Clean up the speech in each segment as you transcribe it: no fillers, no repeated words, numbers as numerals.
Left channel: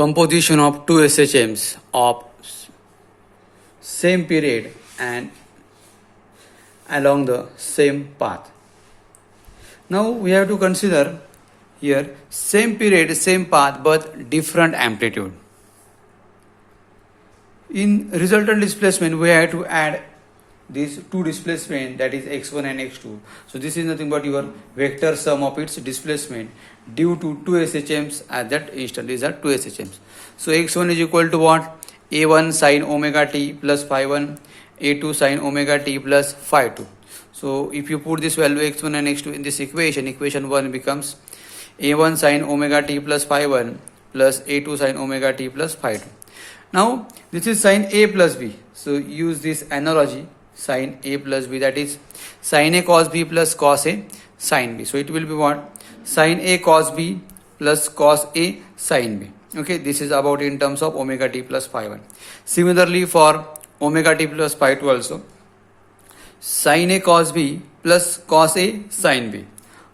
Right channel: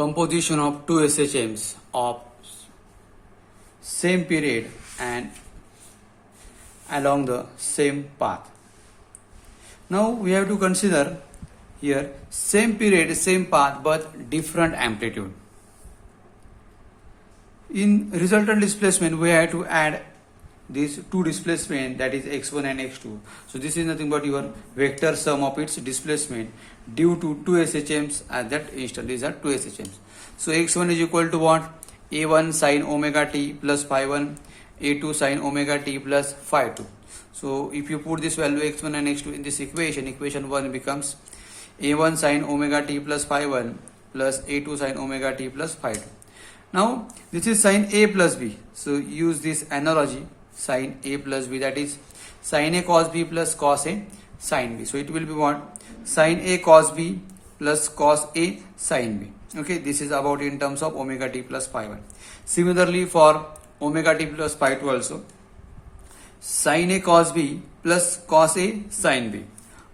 composition of two SHMs of same period and along the same path. Now we have to consider here same period, same path but different amplitude. In resultant displacement we have to add these two displacement, that is x1 and x2. So this is nothing but your vector sum of its displacement due to two SHMs at that instant. These are two SHMs. So x1 is equal to what? A1 sin omega t plus phi 1, A2 sin omega t plus phi 2. So if you put this value x1 and x2 in this equation, equation 1 becomes A1 sin omega t plus phi 1 plus A2 sin omega t plus phi 2. Now this is sin A plus B. So use this analogy, sin A plus B, that is sin A cos B plus cos A sin B. So it will be what? Sin A cos B plus cos A sin B. Okay, this is about in terms of omega t plus phi 1. Similarly for omega t plus phi 2 also, sin A cos B plus cos A sin B.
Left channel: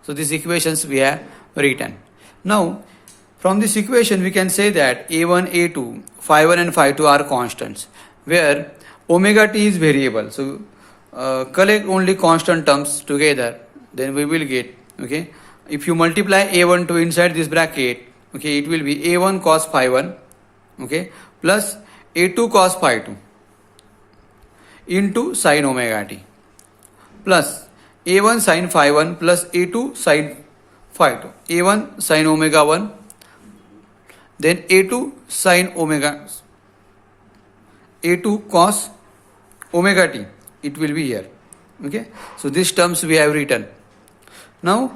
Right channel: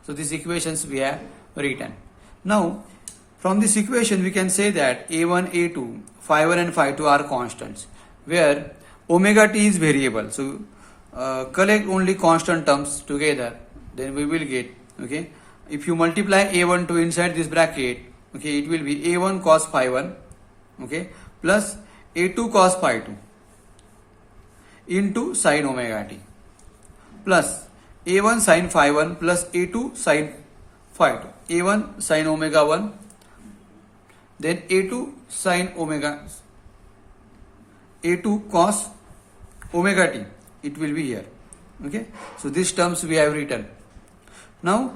So these equations we have written. Now from this equation we can say that A1, A2, phi 1 and phi 2 are constants, where omega t is variable. So collect only constant terms together, then we will get, okay, if you multiply A1 to inside this bracket, okay, it will be A1 cos phi 1, okay, plus A2 cos phi 2 into sin omega t plus A1 sin phi 1 plus A2 sin phi 2, A1 sin omega 1, then A2 sin omega, A2 cos omega t, it will be here. Okay, so these terms we have written. Now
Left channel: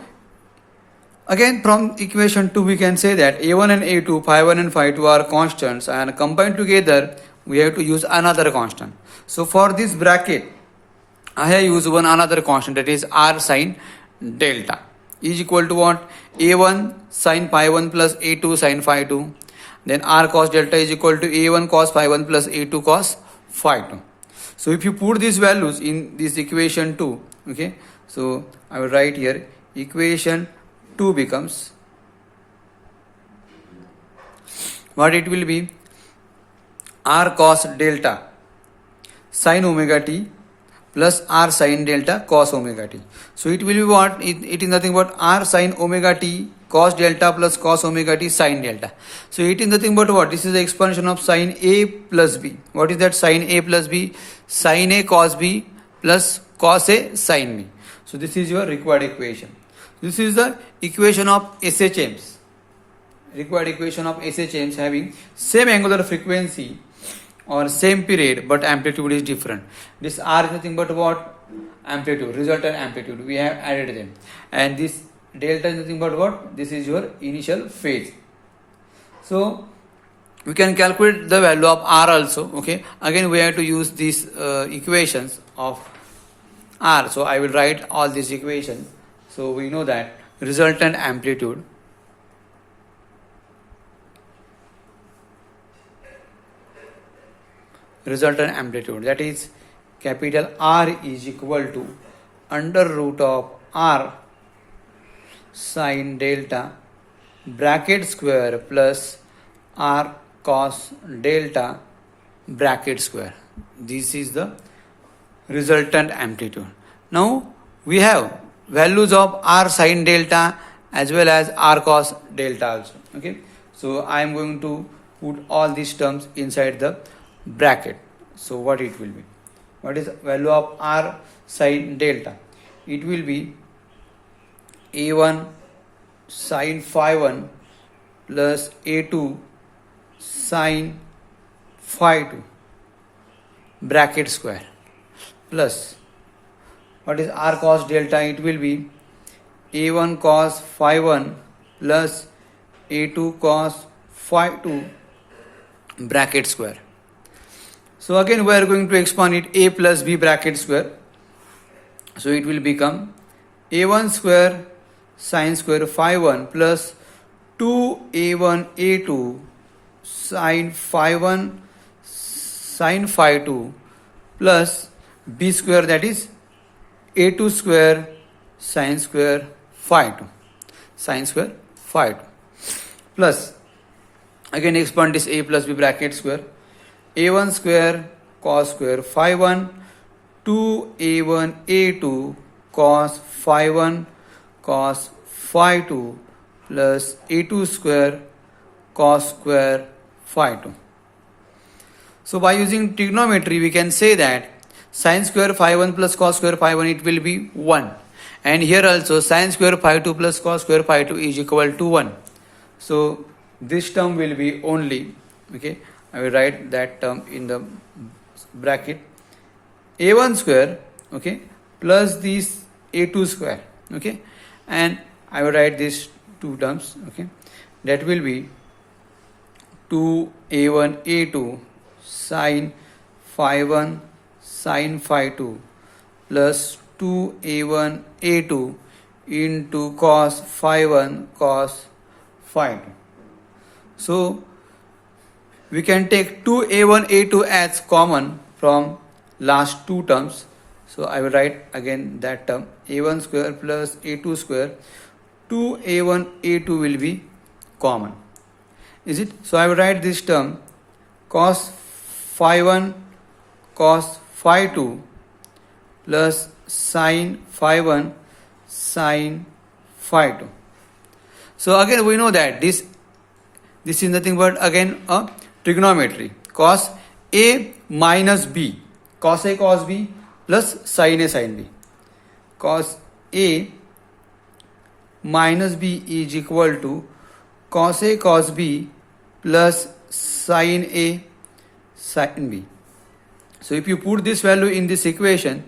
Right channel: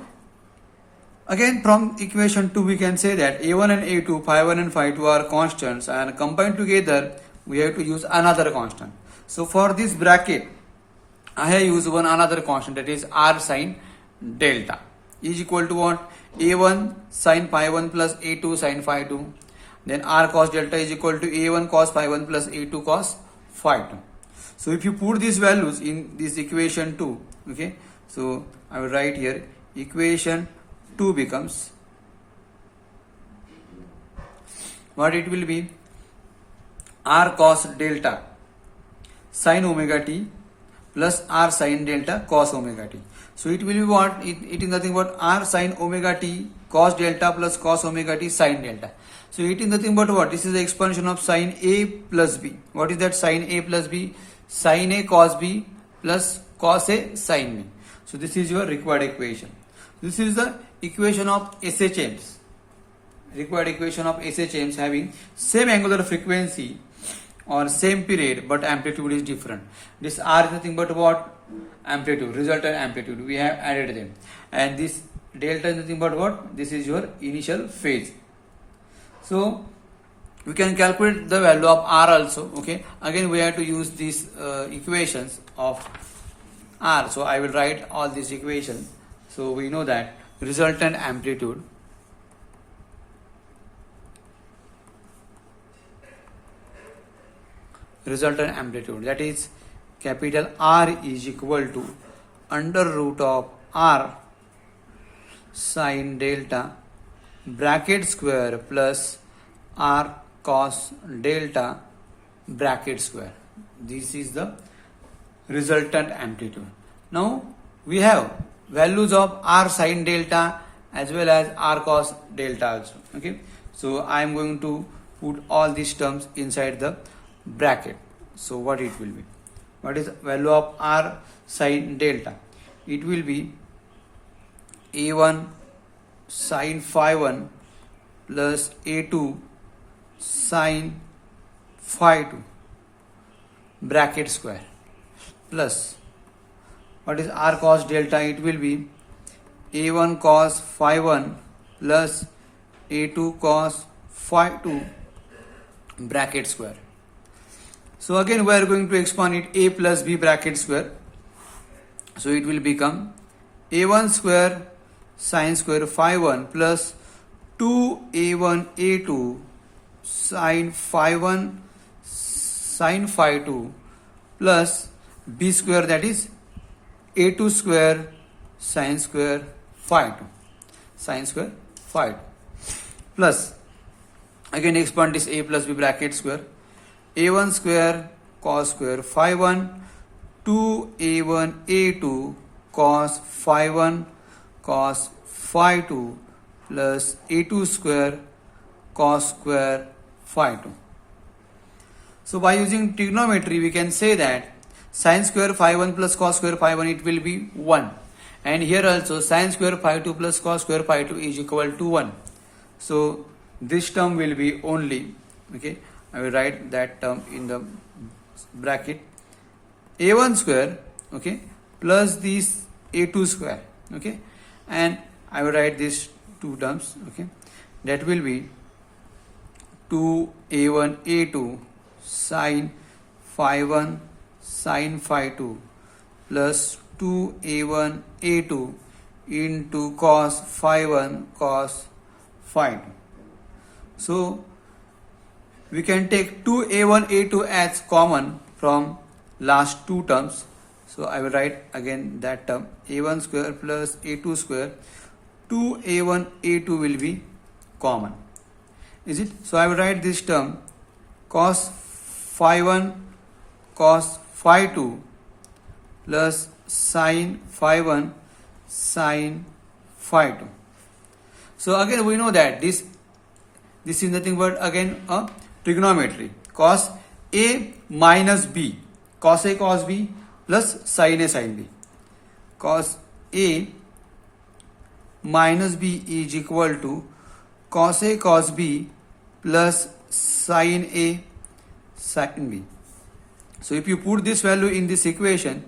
again from equation 2 we can say that A1 and A2, phi 1 and phi 2 are constants, and combined together we have to use another constant. So for this bracket I have used one another constant, that is r sin delta is equal to what? A1 sin phi 1 plus A2 sin phi 2, then r cos delta is equal to A1 cos phi 1 plus A2 cos phi 2. So if you put these values in this equation 2, okay, so I will write here equation 2 becomes what? It will be r cos delta sin omega t plus r sin delta cos omega t. So it will be what? It is nothing but r sin omega t cos delta plus cos omega t sin delta. So it is nothing but what? This is the expansion of sin A plus B. What is that sin A plus B? Sin A cos B plus cos A sin B. So this is your required equation. This is the equation of SHMs. Required equation of SHMs having same angular frequency or same period but amplitude is different. This R is nothing but what? Amplitude, resultant amplitude. We have added them. And this delta is nothing but what? This is your initial phase. So we can calculate the value of R also. Okay. Again we have to use these equations of R. So I will write all these equations. So we know that resultant amplitude that is capital R is equal to under root of R sin delta bracket square plus R cos delta bracket square. This is the resultant amplitude. Now we have values of R sin delta as well as R cos delta also. Okay, so I am going to put all these terms inside the bracket. So what it will be? What is value of R sin delta? It will be A1 sin phi 1 plus A2 sin phi 2 bracket square plus what is R cos delta? It will be A1 cos phi 1 plus A2 cos phi 2 bracket square. So again we are going to expand it A plus B bracket square. So it will become A1 square sin square phi 1 plus 2A1 A2 sin phi 1 sin phi 2 plus B square, that is A2 square sin square phi 2 plus Again expand this a plus b bracket square. A1 square cos square phi 1 2a1 a2 cos phi 1 cos phi 2 plus a2 square cos square phi 2. So by using trigonometry we can say that sin square phi 1 plus cos square phi 1 it will be 1, and here also sin square phi 2 plus cos square phi 2 is equal to 1. So this term will be only, okay, I will write that term in the bracket, a1 square, okay, plus this a2 square, okay, and I will write these two terms, okay, that will be 2a1 a2 sin phi 1 sin phi 2 plus 2a1 a2 into cos phi 1 cos phi 2. So we can take 2a1 a2 as common from last two terms. So I will write again that term, a1 square plus a2 square, 2a1 a2 will be common, is it? So I will write this term cos phi 1 cos phi 2 plus sin phi 1 sin phi 2. So again we know that this is nothing but again a trigonometry, cos a minus b, cos a cos b plus sin a sin b. Cos a minus b is equal to cos a cos b plus sin a sin b. So if you put this value in this equation,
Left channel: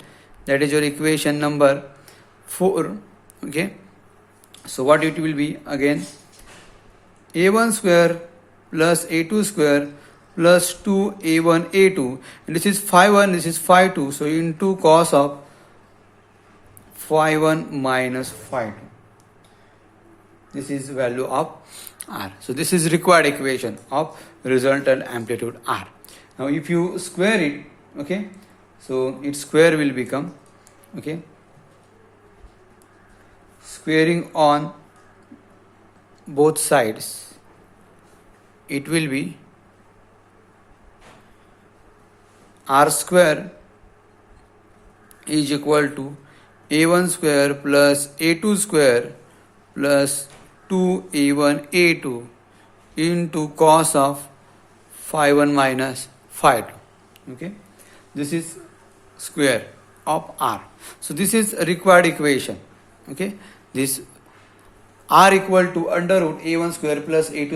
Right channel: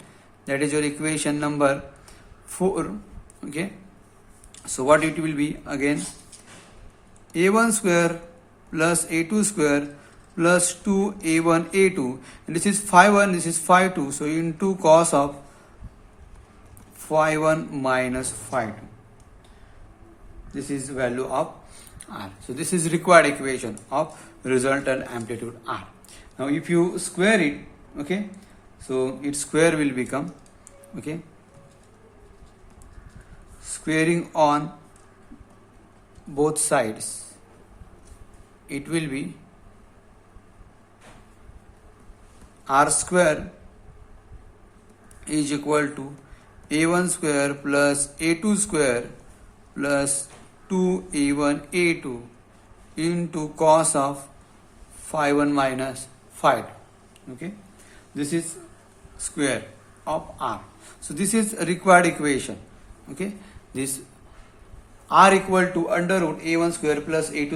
that is your equation number 4, okay, so what it will be again, a1 square plus a2 square plus 2a1 a2, and this is phi 1, this is phi 2, so into cos of phi 1 minus phi 2. This is value of r. So this is required equation of resultant amplitude r. Now if you square it, okay, so its square will become, okay, squaring on both sides, it will be r square is equal to a1 square plus a2 square plus 2a1 a2 into cos of phi 1 minus phi 2, okay. This is square of r. So this is a required equation, okay. This r equal to under root a1 square plus a2